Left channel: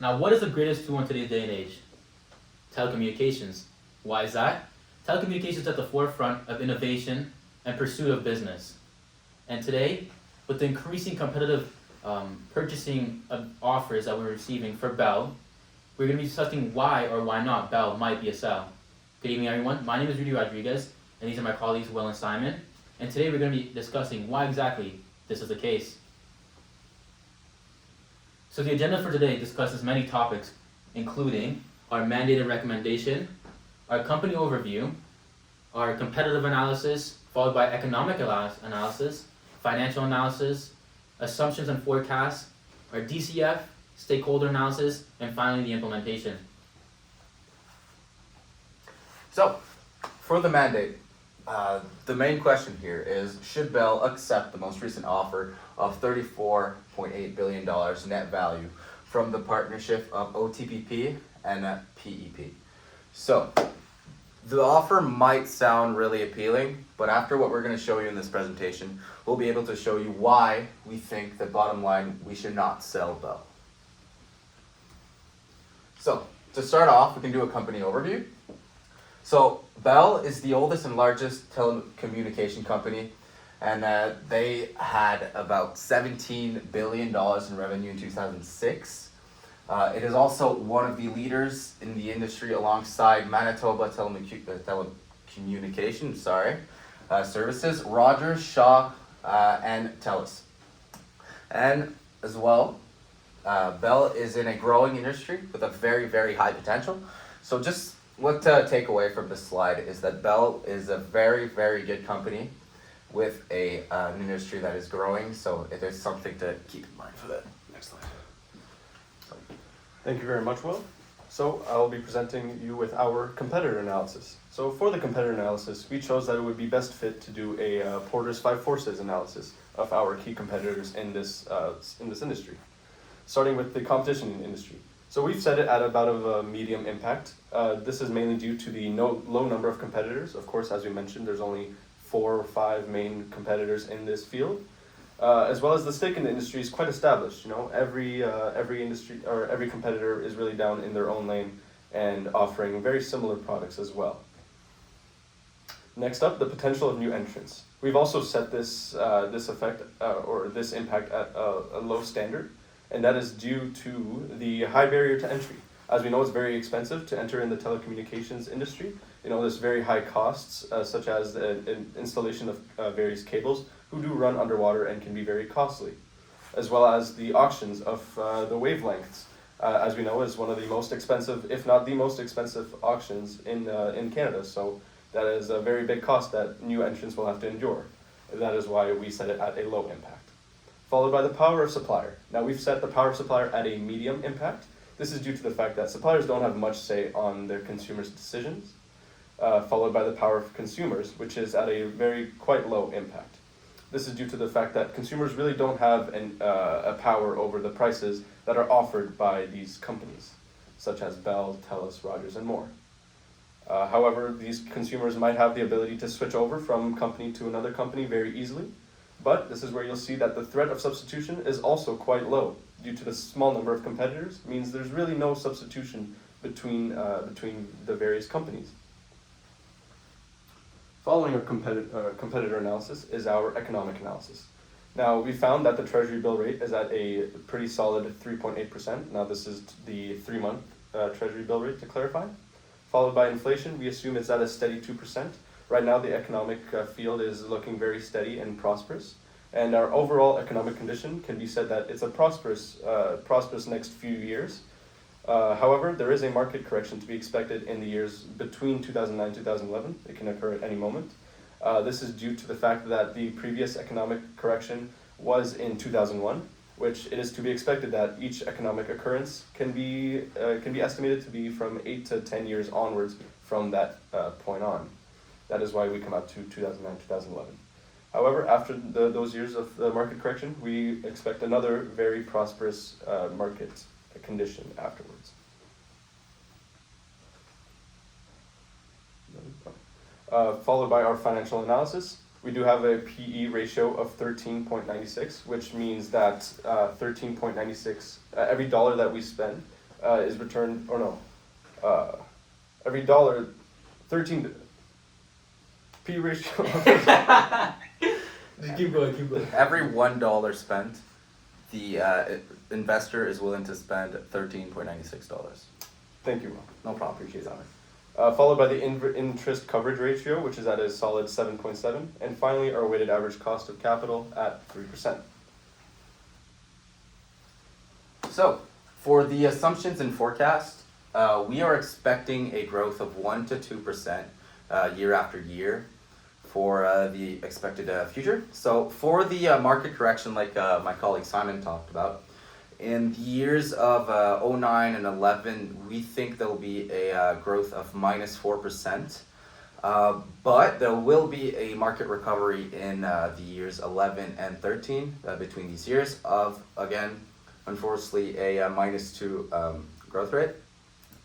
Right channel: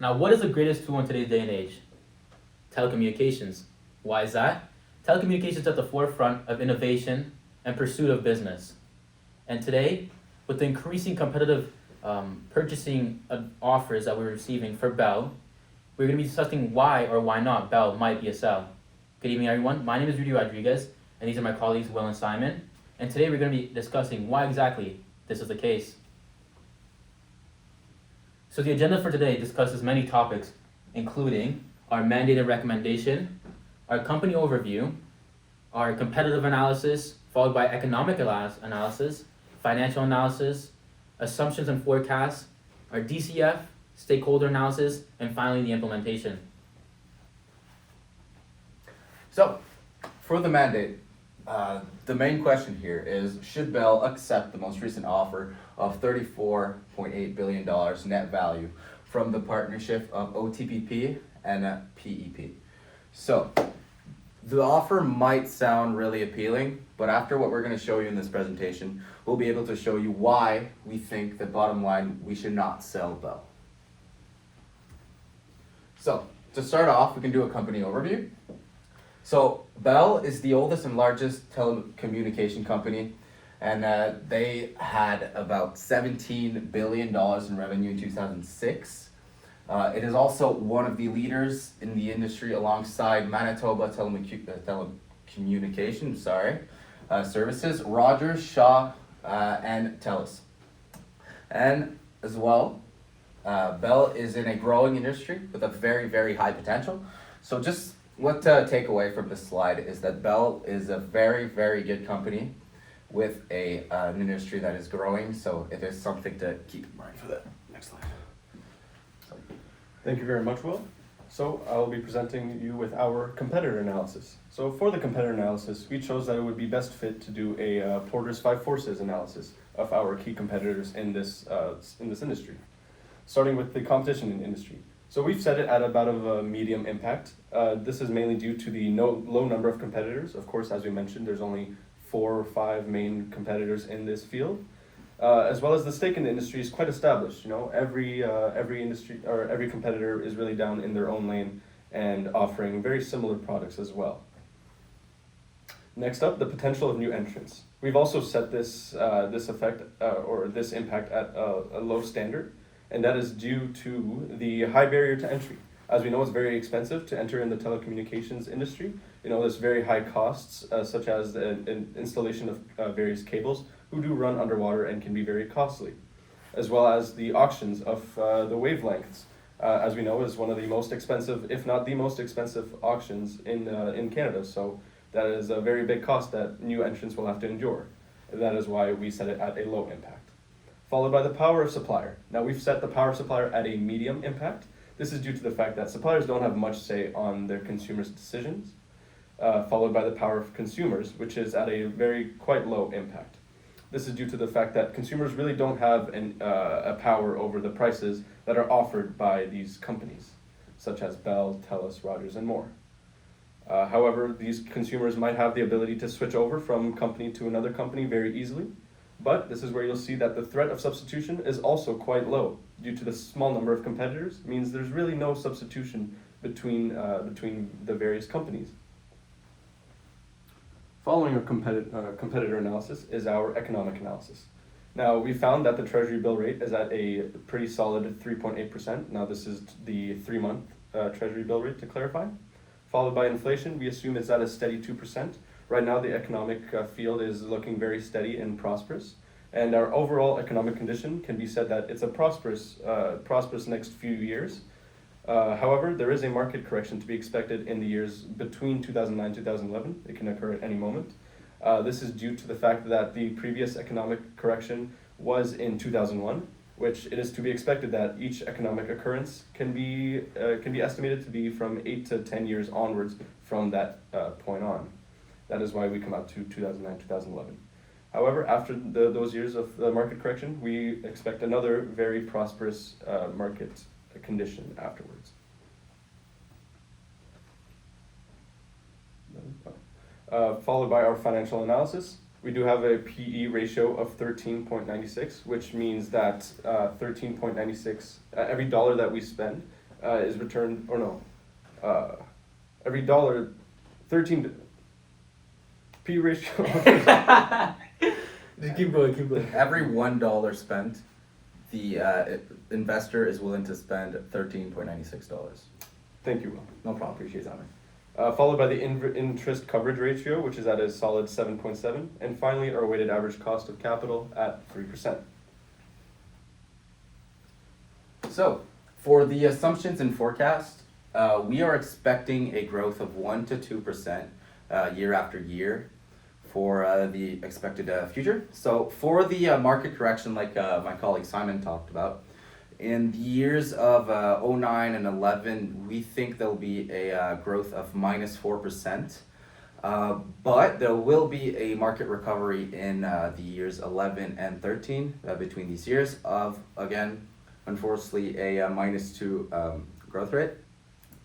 Now, what is the greatest tool in today's day and age? Telecommunications. Why is that? Telecommunications is at the forefront of innovation and pursuit of business. And today, with the increasing competitive purchasing offers that we're receiving for Bell, we're going to be discussing why or why not Bell might be a sell. Good evening, everyone. My name is Rudy Rodriguez, and these are my colleagues, Will and Simon. And today we're going to be discussing why exactly this is the case. So the agenda for today discusses many topics, including our mandated recommendation, our company overview, our competitive analysis, followed by economic analysis, financial analysis, assumptions and forecasts, our DCF, stakeholder analysis, and finally the implementation. So, for the mandate, the main question here is, should Bell accept the most recent offer of $34.8 billion net value from the partnership of OTPP and PEP? So, the offer might sound really appealing, but after what we're going to show you in this presentation, we'll be able to show you why we think that bottom line, we should not sell Bell. So, to start off, we can do a company overview. So, Bell is the oldest and largest telecommunication company, and they had about $17 billion in revenue in 2006. It is also one of the leaders in the industry alongside Manitoba Telecommunications Services, Rogers, Shaw, and TELUS. And as well, Bell is in a growing industry with a very, very high potential. So just what to take away from this slide is that Bell is a very, very good company with an industry that is growing. So it is something to keep in mind for that. Next slide. Thank you very much, Will. So I will be presenting you with our competitor analysis. So for the competitor analysis, we chose that it would be best fit to do a Porter's Five Forces analysis of our key competitors in this industry, starting with the competition in the industry. So we've set it at about a medium impact. This is mainly due to the low number of competitors. Of course, as we mentioned, there's only 4 or 5 main competitors in this field. As well as the stake in the industry is quite established. You know, every industry or every competitor is really down in their own lane and offering very similar products as well. Next up, the potential of new entrants. We've also set this effect or this impact at a low standard, and that is due to the high barrier to entry. As we know, it's very expensive to enter in the telecommunications industry. You know, there's very high costs, such as the installation of various cables, who do run underwater and can be very costly, as well as the auctions of the wavelengths. As we know, is one of the most expensive, if not the most expensive auctions in Canada. So that is a very big cost that new entrants will have to endure. And that is why we set it at a low impact. Followed by the power of supplier. Now we've set the power of supplier at a medium impact. This is due to the fact that suppliers don't have much say on their consumers' decisions. Followed by the power of consumers, which is at a quite low impact. This is due to the fact that consumers really don't have a power over the prices that are offered by these companies, such as Bell, TELUS, Rogers, and more. However, these consumers might have the ability to switch over from company to another company very easily, but this is where you'll see that the threat of substitution is also quite low. Due to the small number of competitors, means there's really no substitution between the various companies. Following our competitor analysis is our economic analysis. Now, we found that the Treasury bill rate is at a pretty solid 3.8%. Now, this is the 3-month Treasury bill rate, to clarify. Followed by inflation, we assume it's at a steady 2%. Right now, the economic field is looking very steady and prosperous. And our overall economic condition can be said that it's a prosperous next few years. However, there is a market correction to be expected in the years between 2009 and 2011. It can occur at any moment. This is due to the fact that the previous economic correction was in 2001, which it is to be expected that each economic occurrence can be estimated to be from 8 to 10 years onwards from that point on. That is why we come out to 2009, 2011. However, after those years of the market correction, we expect another very prosperous market condition afterwards. Followed by our financial analysis. We do have a PE ratio of 13.96, which means that 13.96, every dollar that we spend is returned, or no, every dollar, 13 P ratio. Just keep going. Every $1 spent, the investor is willing to spend $13.96. Thank you, Will. No problem, appreciate that. Followed by the interest coverage ratio, which is at a solid 7.7, and finally our weighted average cost of capital at 3%. So, for the assumptions and forecast, we are expecting a growth of 1 to 2% year after year for the expected future. So, for the market correction, like my colleague Simon talked about, in the years of 09 and 11, we think there'll be a growth of minus 4%. But there will be a market recovery in the years 11 and 13 between these years of, again, unfortunately, a -2 growth rate.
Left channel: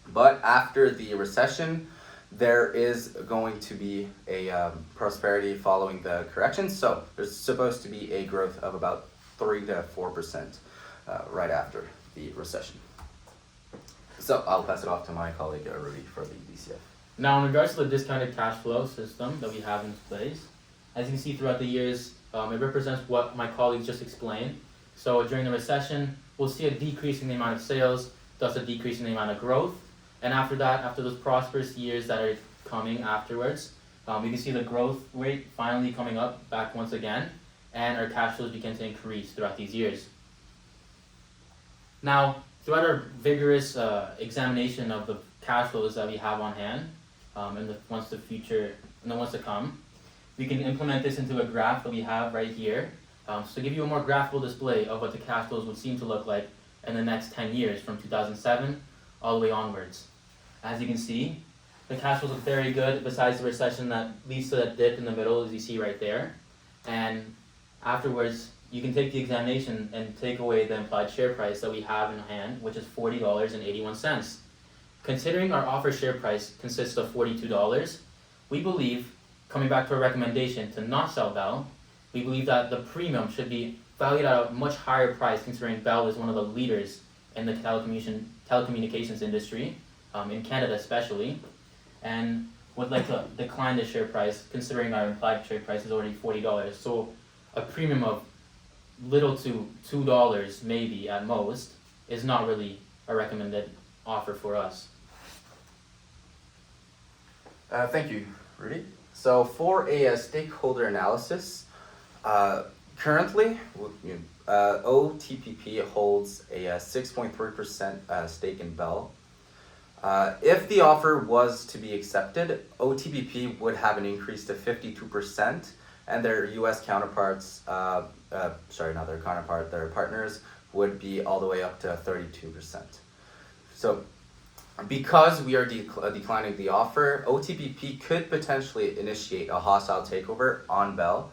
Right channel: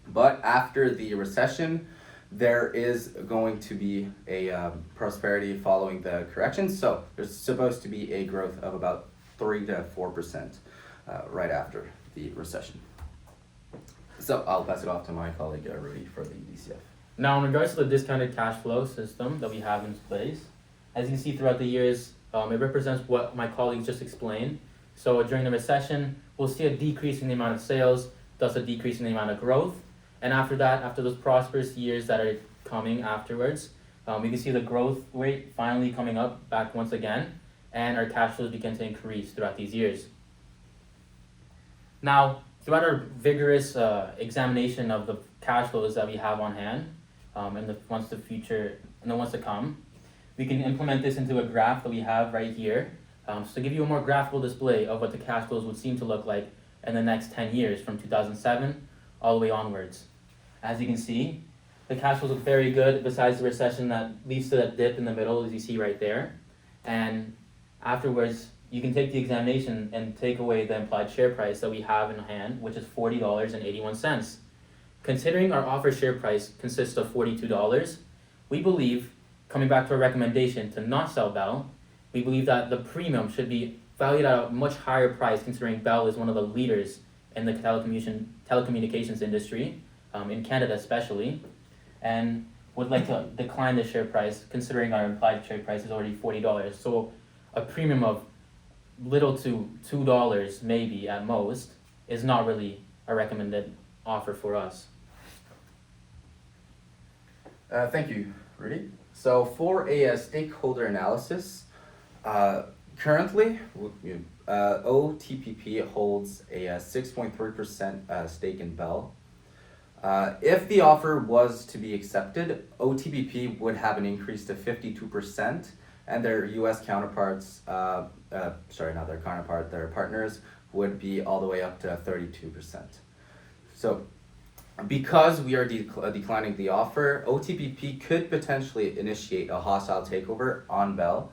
But after the recession, there is going to be a prosperity following the correction. So there's supposed to be a growth of about 3 to 4% right after the recession. So I'll pass it off to my colleague Rudy for the DCF. Now, in regards to the discounted cash flow system that we have in place, as you can see throughout the years, it represents what my colleagues just explained. So during the recession, we'll see a decrease in the amount of sales, thus a decrease in the amount of growth. And after that, after those prosperous years that are coming afterwards, we can see the growth rate finally coming up back once again, and our cash flows begin to increase throughout these years. Now, throughout our vigorous examination of the cash flows that we have on hand, in the months to come, we can implement this into a graph that we have right here. So to give you a more graphical display of what the cash flows would seem to look like in the next 10 years from 2007 all the way onwards. As you can see, the cash flows look very good besides the recession that leads to that dip in the middle, as you see right there. And afterwards, you can take the examination and take away the implied share price that we have in hand, which is $40.81. Considering our offer share price consists of $42, we believe, coming back to our recommendation to not sell Bell, we believe that the premium should be valued at a much higher price, considering Bell is one of the leaders in the telecommunications industry, in Canada especially, and would like to decline the share price, considering our implied share price is already $40. So a premium of little to $2 maybe at most is not really a recommended offer for us. Thank you, Rudy. So for a stakeholder analysis, currently OTPP holds a 6.3% stake in Bell. If the offer was to be accepted, OTPP would have an increase to 52%, and their US counterparts, their partners would be all the way up to 32%. So because we are declining the offer, OTPP could potentially initiate a hostile takeover on Bell.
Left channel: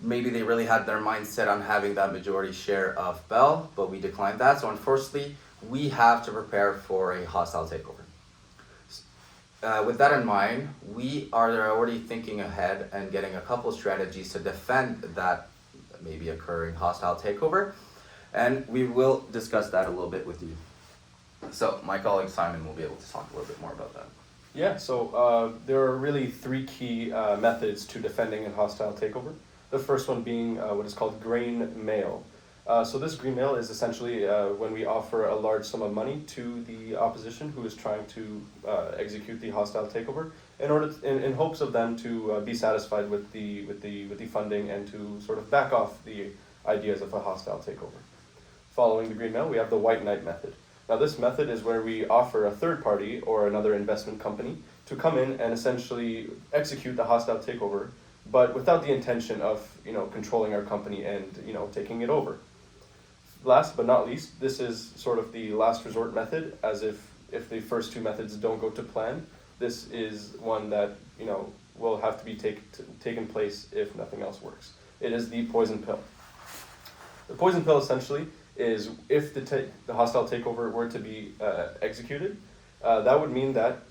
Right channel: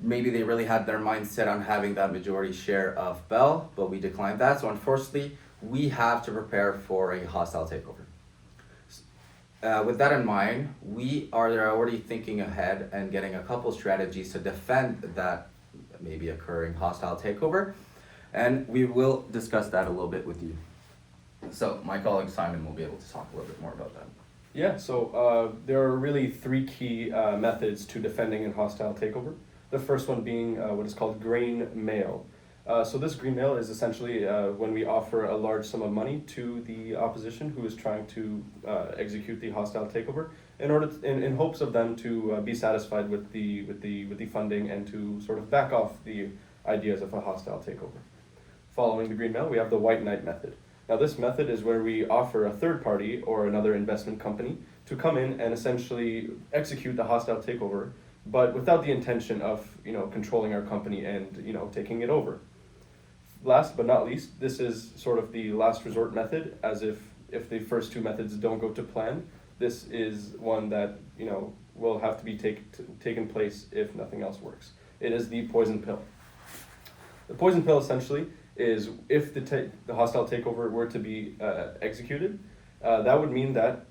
Maybe they really had their mind set on having that majority share of Bell, but we declined that. So unfortunately, we have to prepare for a hostile takeover. With that in mind, we are already thinking ahead and getting a couple strategies to defend that maybe occurring hostile takeover, and we will discuss that a little bit with you. So my colleague Simon will be able to talk a little bit more about that. Yeah, so there are really three key methods to defending a hostile takeover. The first one being what is called grain mail. So this green mail is essentially when we offer a large sum of money to the opposition who is trying to execute the hostile takeover in hopes of them to be satisfied with the funding and to sort of back off the ideas of a hostile takeover. Following the green mail, we have the white knight method. Now this method is where we offer a third party or another investment company to come in and essentially execute the hostile takeover, but without the intention of controlling our company and taking it over. Last but not least, this is sort of the last resort method, as if the first two methods don't go to plan, this is one that will have to be taken place if nothing else works. It is the poison pill. The poison pill essentially is if the hostile takeover were to be executed, that would mean that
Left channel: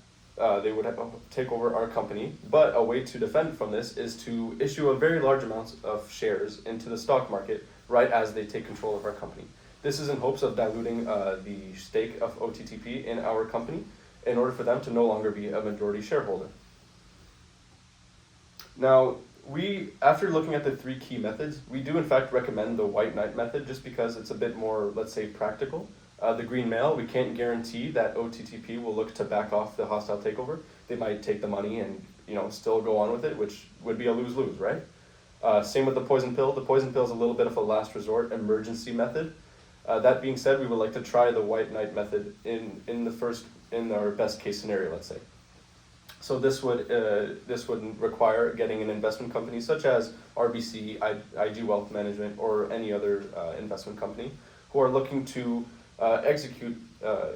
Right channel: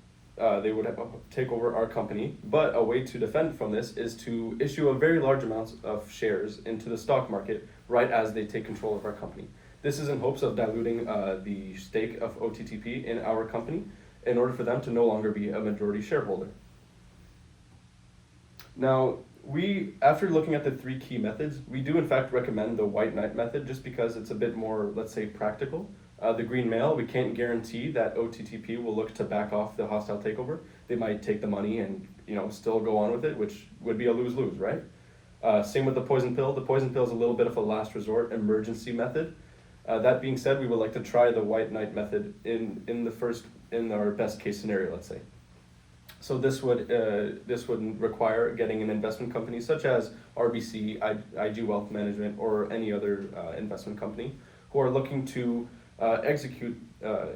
they would take over our company, but a way to defend from this is to issue a very large amount of shares into the stock market right as they take control of our company. This is in hopes of diluting the stake of OTTP in our company in order for them to no longer be a majority shareholder. Now, after looking at the three key methods, we do in fact recommend the white knight method just because it's a bit more, let's say, practical. The green male, we can't guarantee that OTTP will look to back off the hostile takeover. They might take the money and still go on with it, which would be a lose-lose, right? Same with the poison pill. The poison pill is a little bit of a last resort emergency method. That being said, we would like to try the white knight method in our best case scenario, let's say. So this would require getting an investment company such as RBC, IG Wealth Management, or any other investment company who are looking to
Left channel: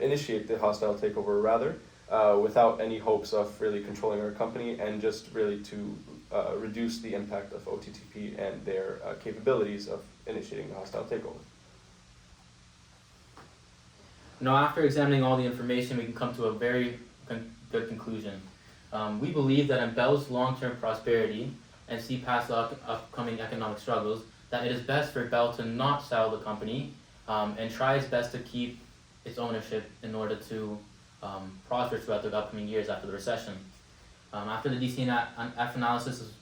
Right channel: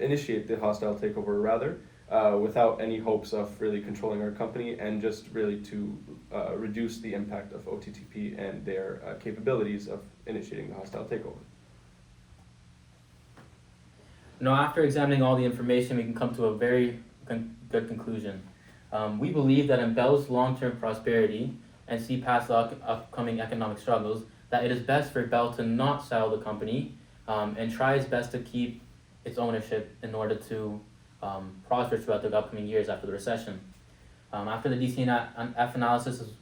initiate the hostile takeover rather, without any hopes of really controlling our company and just really to reduce the impact of OTTP and their capabilities of initiating the hostile takeover. Now, after examining all the information, we can come to a very good conclusion. We believe that in Bell's long-term prosperity and see past the upcoming economic struggles, that it is best for Bell to not sell the company and try its best to keep its ownership in order to prosper throughout the upcoming years after the recession. After the DCF analysis is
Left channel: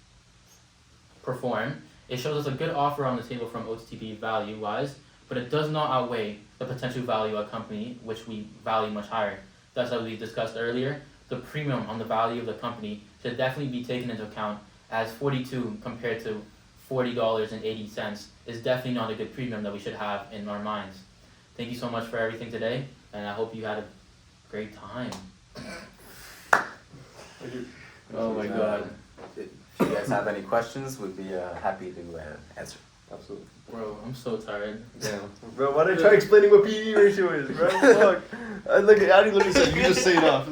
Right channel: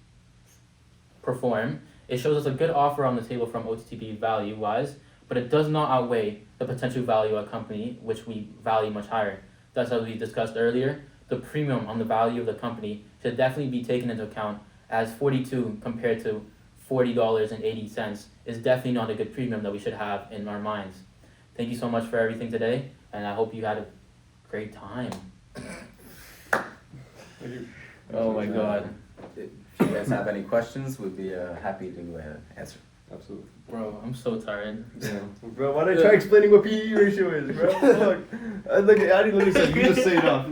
performed, it shows us a good offer on the table from OTTP value-wise, but it does not outweigh the potential value of a company, which we value much higher. Thus, as we discussed earlier, the premium on the value of the company should definitely be taken into account, as 42 compared to $40.80 is definitely not a good premium that we should have in our minds. Thank you so much for everything today, and I hope you had a great time. Oh my God. If you guys have any questions, we'd be happy to answer. Absolutely. Bro, I'm so tired. Yeah. Bro, why did I try explaining what PE ratio is, bro? Fuck. I didn't look at you. You just say enough.